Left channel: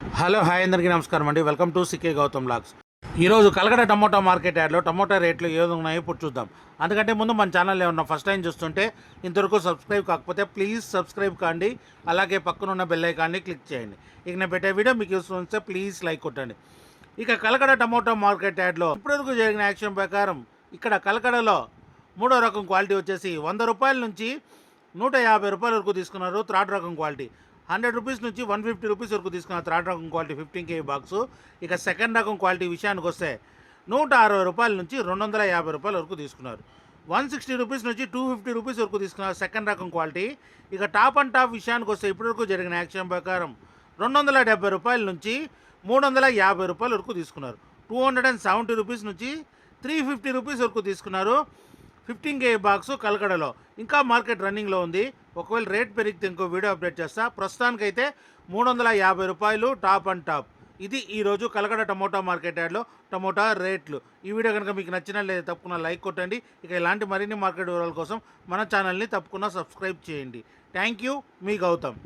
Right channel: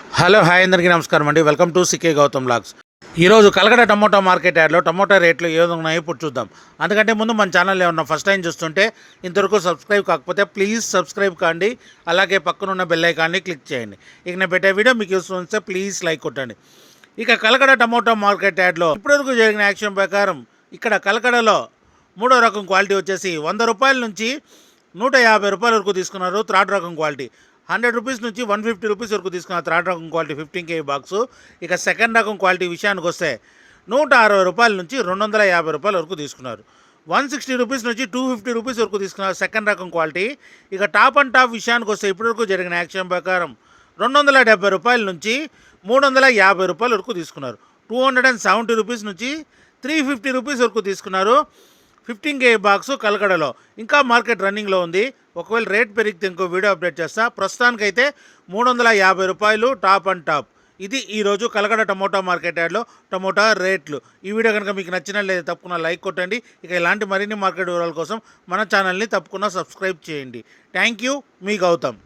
Hello hi అందరికీ నమస్కారం అండి. Welcome to CK Gautham logs. ఈరోజు కలకడ టమోటా మార్కెట్ యార్డ్లో టమోటా రేట్లు ఏ విధంగా ఉన్నాయో ఇప్పుడు చూద్దాం. అందుకంటే ముందు మన ఛానల్ ఏమన్నా ఫస్ట్ టైం చూస్తుంటే ఇంతవరకు సబ్స్క్రైబ్ కాకపోతే ప్లీజ్ సబ్స్క్రైబ్ కాండి. అలాగే పక్కనున్న బెల్ ఐకాన్ని క్లిక్ చేయండి. ఇక నేను పెట్టే వీడియో మీకు యూస్ఫుల్ వస్తే ప్లీజ్ లైక్ కొట్టండి. ఇక కలకడ టమోటా మార్కెట్ యార్డ్లో ఇప్పటివరకు జరిగిన యాక్షన్ ప్రకారం ఇక్కడ కలకడలో మూడో రకం క్వాలిటీ వచ్చేసి 100 రూపాయల నుంచి 150 రూపాయల వరకు తీసుకున్నారు. థర్డ్ రకం క్వాలిటీ 100 రూపీస్ నుంచి 150 రూపీస్ వరకు తీసుకున్న థర్డ్ రకం క్వాలిటీ 15 కేజీ బాక్సు. ఇక సెకండ్ రకం క్వాలిటీ విషయానికి వస్తే 160 రూపాయల నుంచి 250 రూపాయల వరకు తీసుకున్నారు. 160 రూపీస్ నుంచి 250 రూపీస్ వరకు తీసుకున్నారు సెకండ్ రకం క్వాలిటీ. ఇక టాప్ అండ్ టాప్ విషయానికి వస్తే ఇప్పటివరకు జరిగిన యాక్షన్ ప్రకారం 270 రూపాయల నుంచి 350 రూపాయల వరకు తీసుకున్నారు. 270 రూపీస్ నుంచి 350 రూపీస్ వరకు తీసుకున్నారు. 15 కేజీ బాక్సు కలకడలో ఇంకా మార్కెట్ రన్నింగ్లో ఉంది. ఒకవేళ రేట్ పెరిగితే ఇంకో వీడియో అప్డేట్ చేస్తా. ప్రస్తుతానికైతే 350 రూపాయలు టాప్ అండ్ టాప్. ఇది ఈరోజు కలకడ టమోటా మార్కెట్ యార్డ్లో టమోటా రేట్లు. ఈ వీడియో కనుక మీకు నచ్చినట్లయితే తప్పకుండా లైక్ కొట్టండి. ఇక ఇలాంటి మరిన్ని మార్కెట్ వివరాల కోసం మన ఛానల్ని తప్పకుండా సబ్స్క్రైబ్ చేయండి. థ్యాంక్ యూ, మీ గౌతమ్.